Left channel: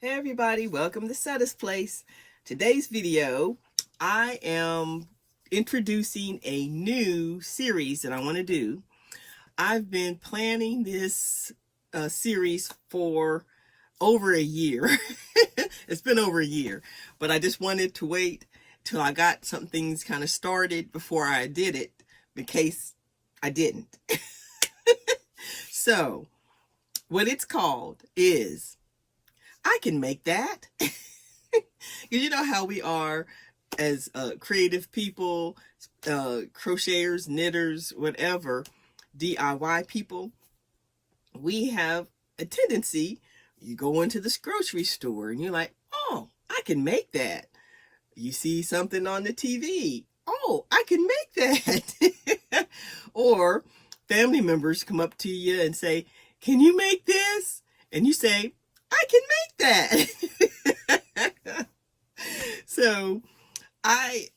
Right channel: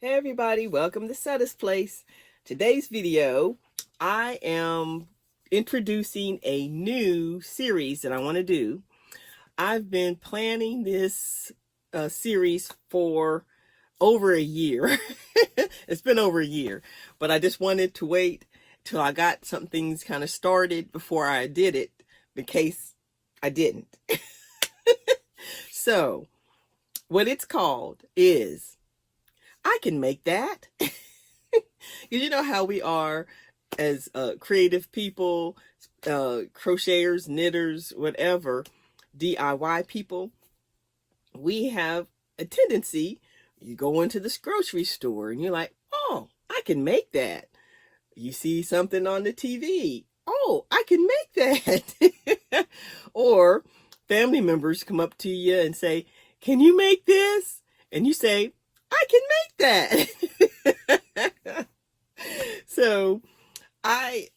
Hey everybody, welcome to Setta's Place. Today's video, I am introducing a new series that I want to do. I've been planning this series for over a year. It's been over a year, but I just wanted to wait till I got some things kind of started before I did it, in case I didn't. So, what it's called is I Can Make That. You know how we are as creative people, crocheters, knitters, whatever, DIY people. We have a tendency, you go into this grocery store and you're like, oh, I can make that. You see something on the TV. Oh, I can make that. Or family members come up to you and say, can you make this? And you say, I can make that. So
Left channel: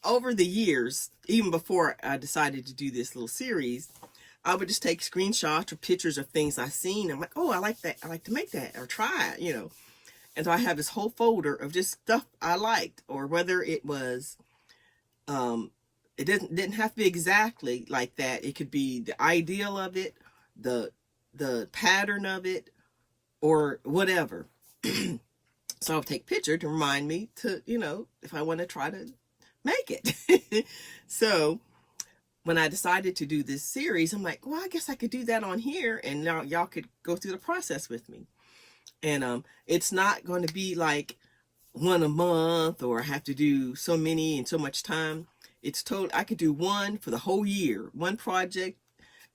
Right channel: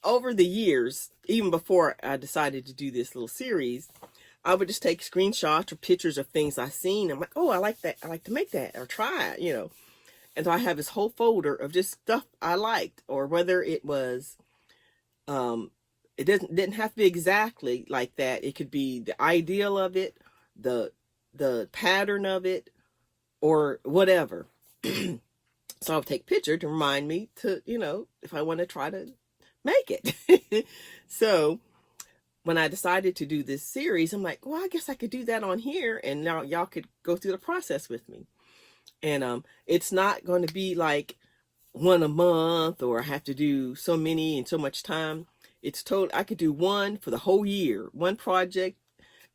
over the years, even before I decided to do this little series, I would just take screenshots or pictures of things I've seen. I'm like, oh, I like that. I like to make that or try it, And so I have this whole folder of just stuff I liked, or whether it was, it didn't have to be exactly like that. It could be the ideal of it, the pattern of it, or whatever. So I'll take a picture to remind me to, if I want to try to make it. So when I decided to do this series, I'm like, well, I guess I could do that on here, and now y'all could go through the process with me. And it's not going to be like one a month, or I have to do so many in so much time. It's total. I could do one for the whole year, one project,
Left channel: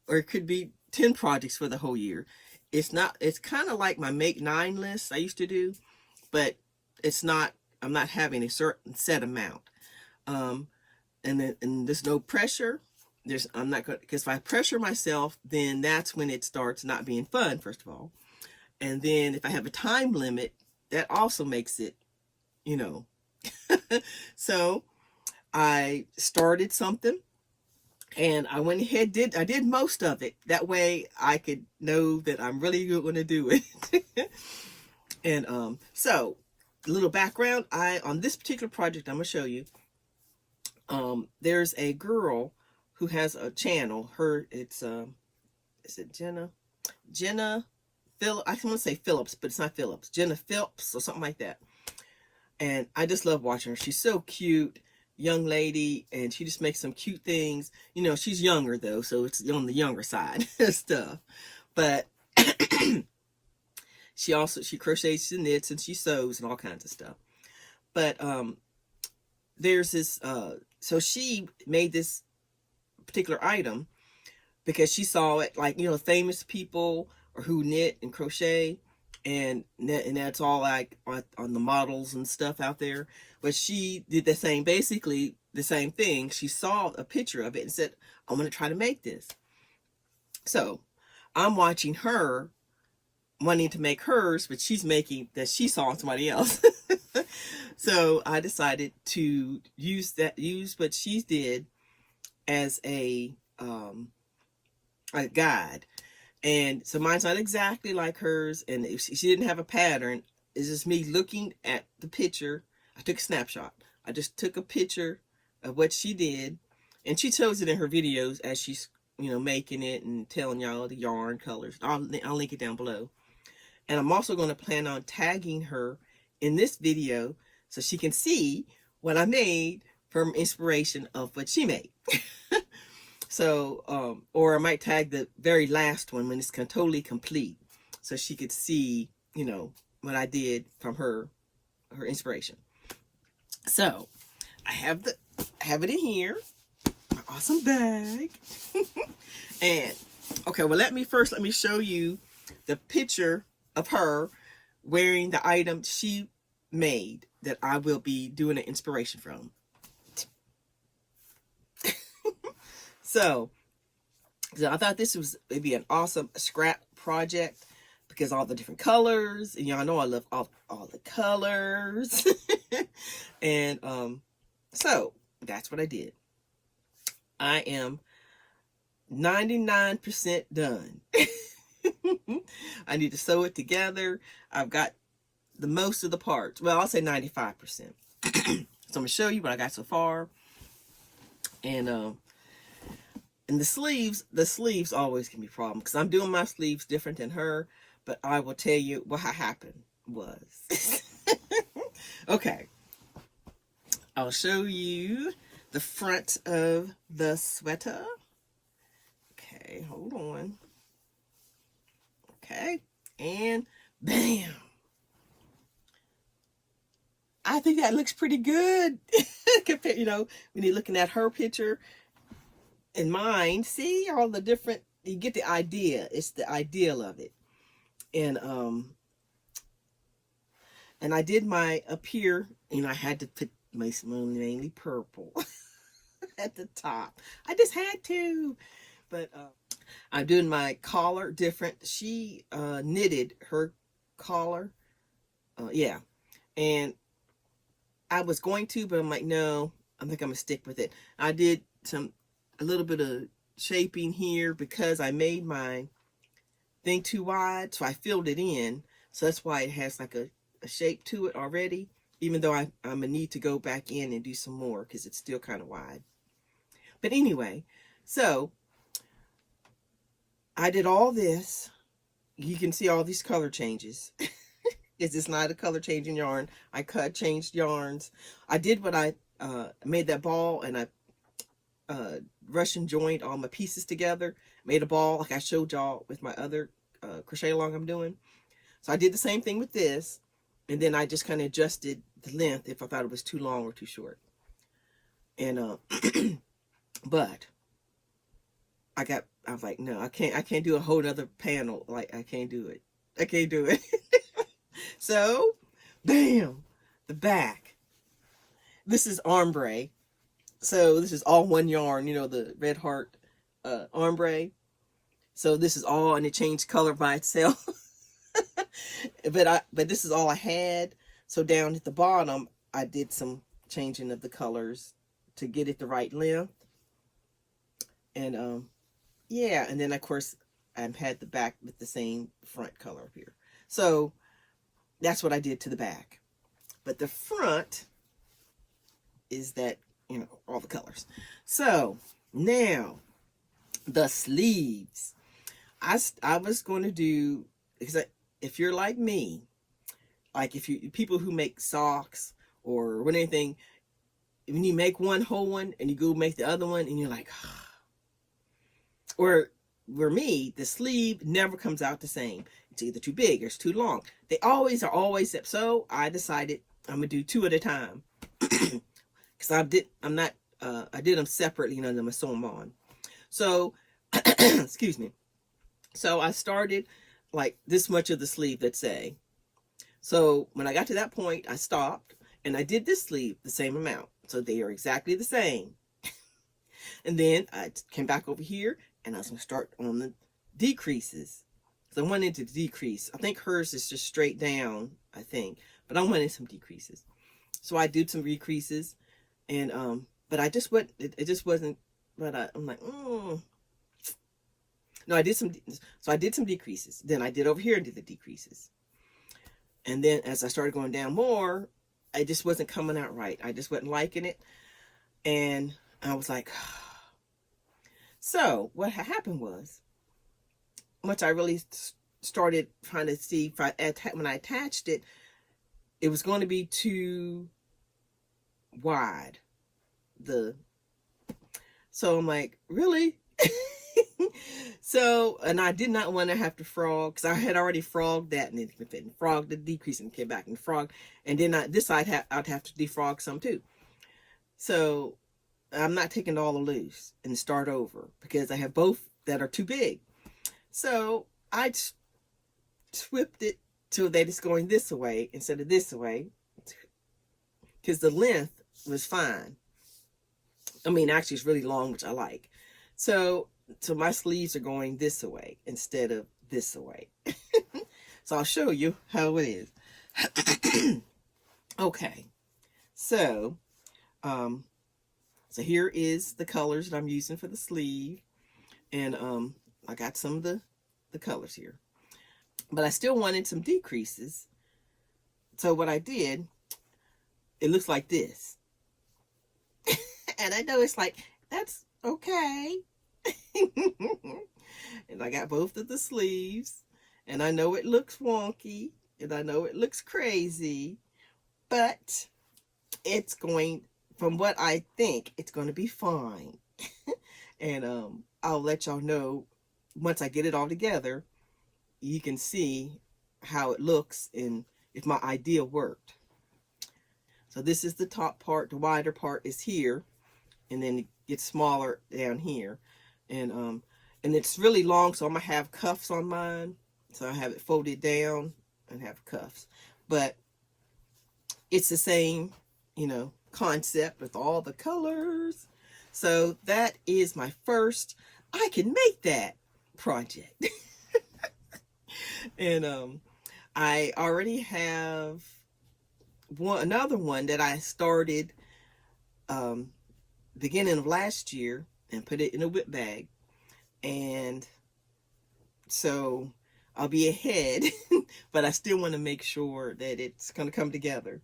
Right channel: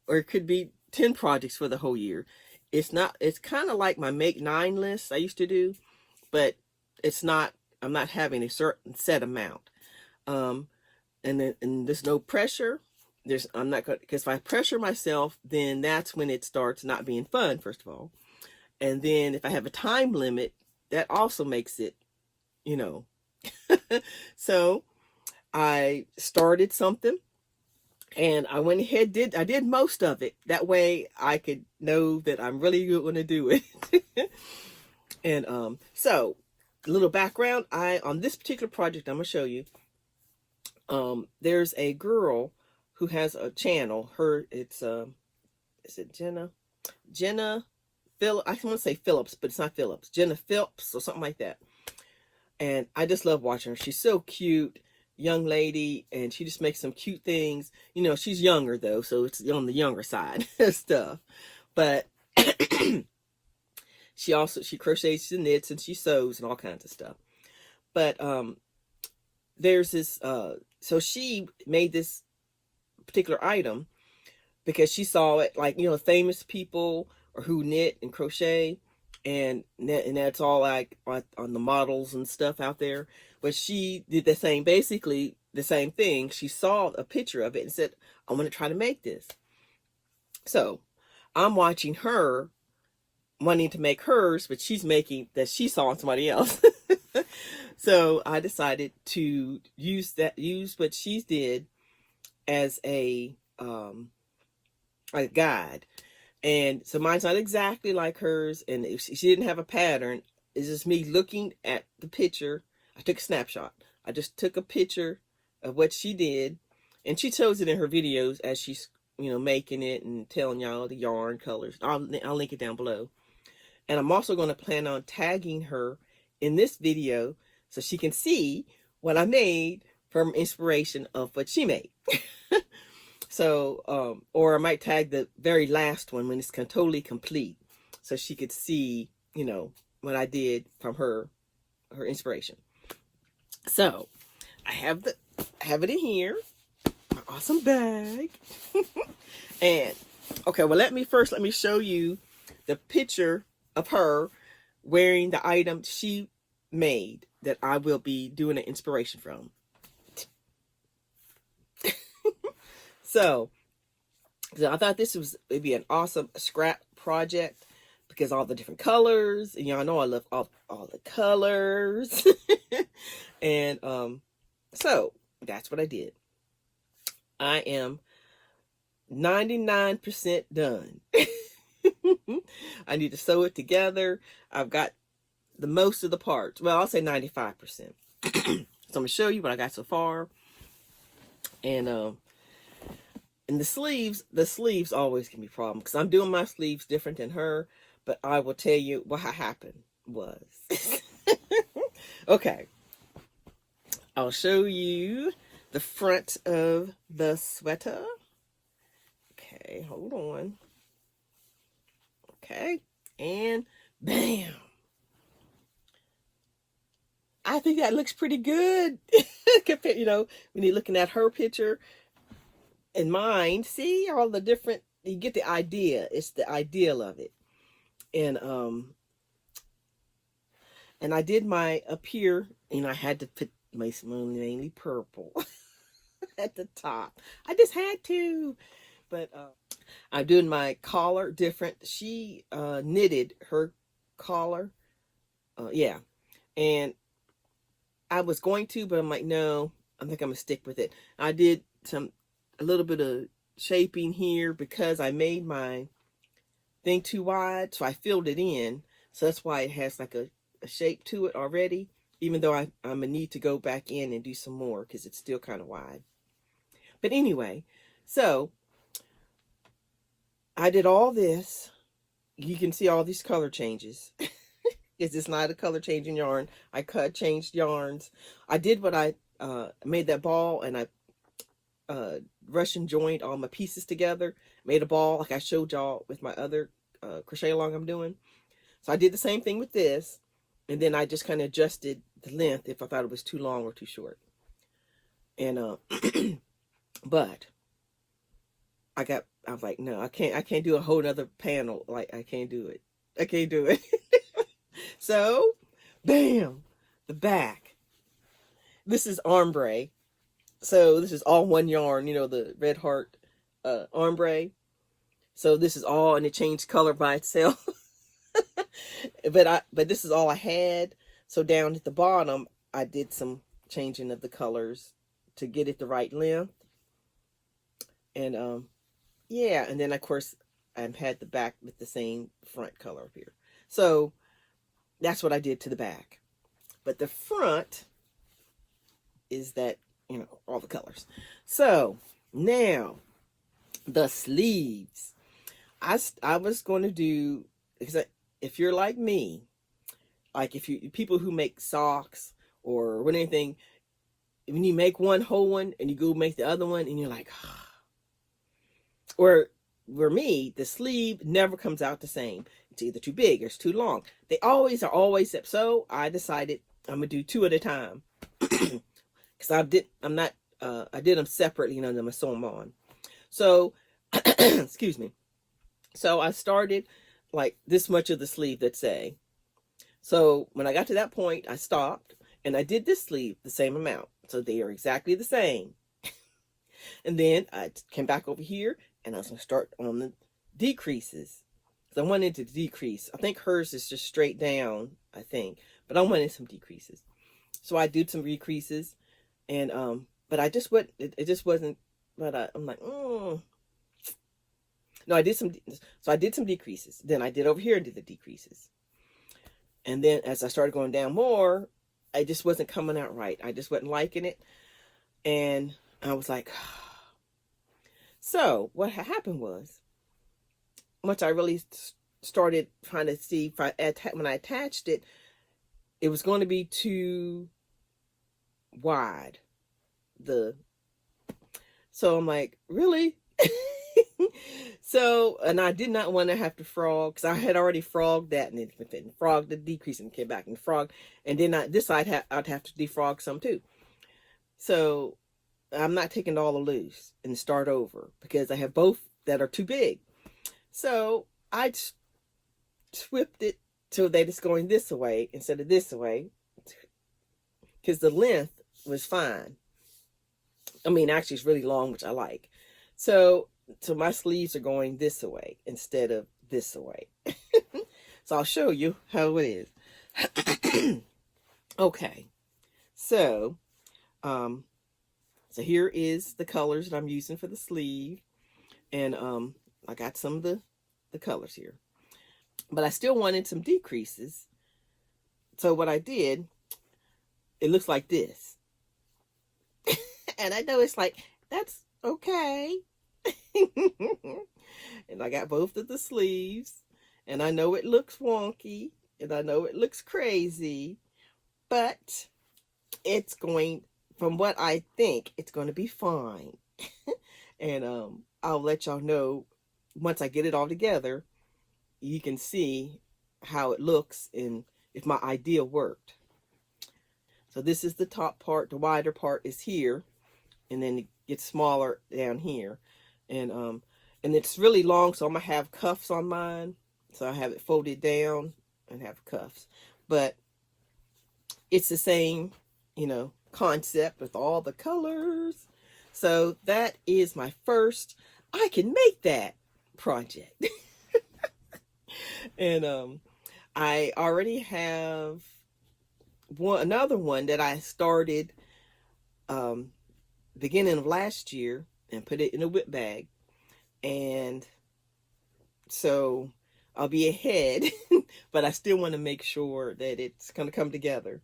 or it could be 10 projects for the whole year. It's kind of like my Make 9 list I used to do, but it's not, I'm not having a certain set amount. And there's no pressure. I'm not going to, because if I pressure myself, then that's when it starts not being fun, first of all. And then if I have a time limit, that also makes it, So I started something and I went ahead, I did most of it. That way I could know that I'm really going to do it. And so a little background, on this particular project I'm going to show you, there's a girl who has a channel. Is it Jenna Phillips? I want to say Phillips, but it's not Phillips. Jenna Phillips or something like that. And I just love watching her. She's so cute, young lady, and she just makes some cute things. She's younger though, so it's on the younger side stuff. But she crochets and knits and she sews and all kinds of stuff. But there's this so she made this particular item because she saw it, like, famous people or who knit and crochet, and that's all like on the models and stuff out there. But she did basically the same thing. She saw a picture of it and said, I want to try to make this. So I'm watching her wanting to make hers, but she's making that she saw on somebody else. So I decided to use what she did as a guide. And so mine's not exactly like hers, and if she didn't have a pattern, it's just me looking at the picture. I took a snapshot. I just took a picture of what she did, and she shows it in her videos as she's making it and telling y'all the yarn colors. I'll link it down below. And I'm also going to plan on tagging her in this video so she can see what I made from inspiration of what she made. So, or I might tag the very last one when it's totally complete, so she could see, what I did from her inspiration. So, I have it in here, my awesome bag. And okay, well, let me show you the picture of her wearing the item she made that I will be doing an inspiration from. So I thought this was maybe an awesome scrap project because all the different colors, and y'all know I love all the colors. And so that's what I did. I am 99% done. I need to sew it together. I've got the most of the parts. Well, I'll say 95%. So I'm gonna show you what I got so far. And the sleeves always can be a problem because I'm doing my sleeves different than her. But I will tell you what happened was. Okay, I'll show you the front of the sweater. Okay, hold on. Okay, and bam. I think that looks pretty good. Compared, when you're looking at her picture and mine, see all the different, you get the idea. It's the ideal of it. And I did my up here, I had to put my mainly purple at the top. I just had to. But I'm doing my collar different. She knitted her collar. Yeah. And I was going to, but I'm like, no, I think I'm going to stick with it. I did a little bit of shaping here because I made my thing too wide. So I filled it in. So that's why it has like a shape to it already, even though I'm going to need to go back in and do some more because it's still kind of wide. But anyway, so I did all this. You can see all these color changes. It's not a color changing yarn. I changed yarns. I did what I made that ball, and I Russian joined all my pieces together, made a ball like I showed y'all with my other crochet along I'm doing. So I did the same thing with this, and then I just kind of adjusted the length if I thought it was too long or too short. And but I was like, no, I can't do a whole other panel. Like, I can't do it. I can't do it. So, bam, the back. This is ombre. So this is all one yarn, the red heart ombre. So this is all, and it changed color by itself. But this is all I had. So down at the bottom, I did some changing of the colors to get it the right length. And yeah, and then of course I had the back with the same front color up here. So that's what I did to the back. But the front is that, all the colors. So now the sleeves. I was going to do, because if you're like me, like people who make socks or anything, when you make one whole one and you go make the other one and you're like, or for me, the sleeve never comes out the same. It's either too big or it's too long. They always are always up. So I decided I'm gonna do two at a time. Because I did them separately, then I sew them on. So excuse me. So I started like this much of the sleeve, let's say. So when I got to that point, I stopped and I did this sleeve the same amount. So they are exactly the same. And then I came back over here and I was going to start on the decreases. So I wanted to decrease. I think hers is just straight down, I think. But I wanted some decreases. So I did some decreases. And, but I just went, it just wasn't, but I'm like, No, I did some decreases. Then I did over here and did the decreases. And then as I started going down more, I just wasn't coming out right. I just wasn't liking it. And I was like, so what happened was, once I really started trying to see if when I attached it, it was going to be too wide. So I'm like, really? So, and I did not want to have to frog, because I had already frogged that and it frogged the decrease and came back and frog, and then this I'd have to defrog some too. So I'm not taking it all loose and start over because I have both that are too big. So I whipped it so that it's going this way instead of this way, because the length was fine. I mean, actually it's really long, which I like. So my sleeves are going this way instead of this way. So I'll show you how it is. Okay. So here is the colors that I'm using for the sleeve. And I got some of the colors here. But I still wanted some decreases So what I did, it looks like this. And I know it's like, that's okay. And I got both of the sleeves. And I know it looks wonky. And I know it looks crazy. But it's going, from what I think, it's going to be fine. And I'll let y'all know once I get it all together. You can see how it looks and if my idea worked. So this is the top part. The wider part is here, and then it gets smaller down here. And it's really long, so I'm gonna have cuffs on mine. So I have it folded down and have cuffs. But it's the same, you know, concept with all the colors. So that is my first I can make that project. And I already have another one that I started beginning of last year and put it in a whip bag. And so I'll be ahead, but I still want to make sure that it's going to come together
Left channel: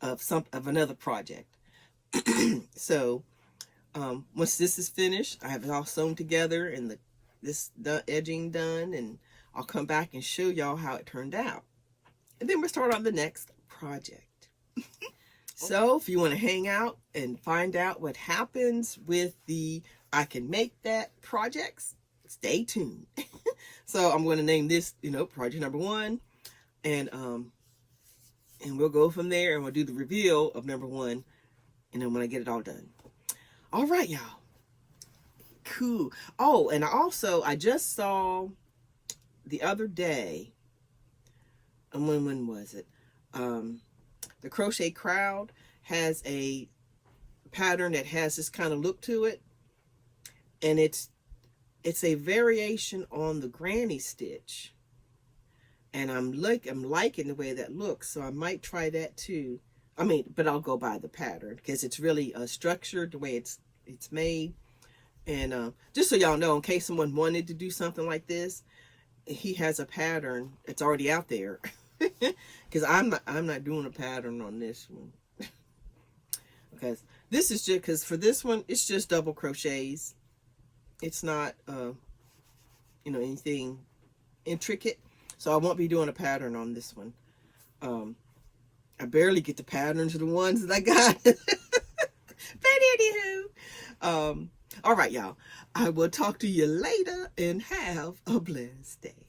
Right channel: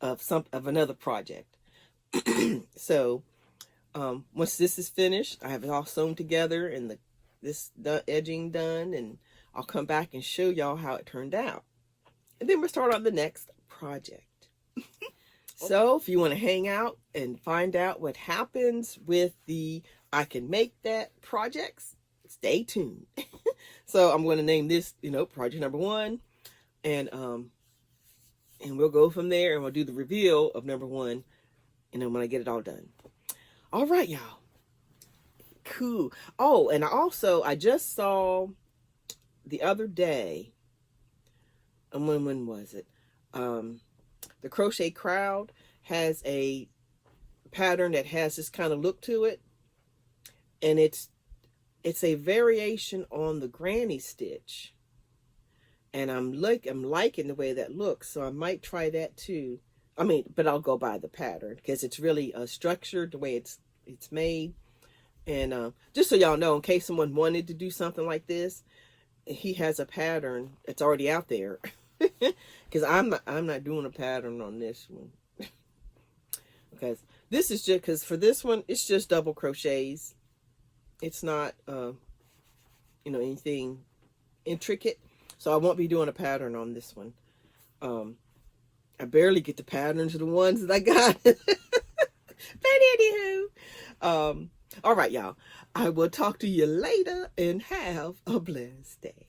of another project. So once this is finished, I have it all sewn together and the edging done, and I'll come back and show y'all how it turned out. And then we'll start on the next project. So if you want to hang out and find out what happens with the I Can Make That projects, stay tuned. So I'm going to name this, you know, project number 1. And we'll go from there and we'll do the reveal of number 1. And then when I get it all done. All right, y'all. Cool. Oh, and I just saw the other day, and when was it? The Crochet Crowd has a pattern that has this kind of look to it, and it's a variation on the granny stitch, and I'm liking the way that looks, so I might try that too. I mean, but I'll go by the pattern because it's really structured the way it's made. And just so y'all know, in case someone wanted to do something like this, he has a pattern. It's already out there. Because I'm not doing a pattern on this one. Because this is just, because for this one, it's just double crochets. It's not, you know, anything intricate. So I won't be doing a pattern on this one. I barely get the patterns of the ones that I got. But anywho, all right, y'all. I will talk to you later and have a blessed day.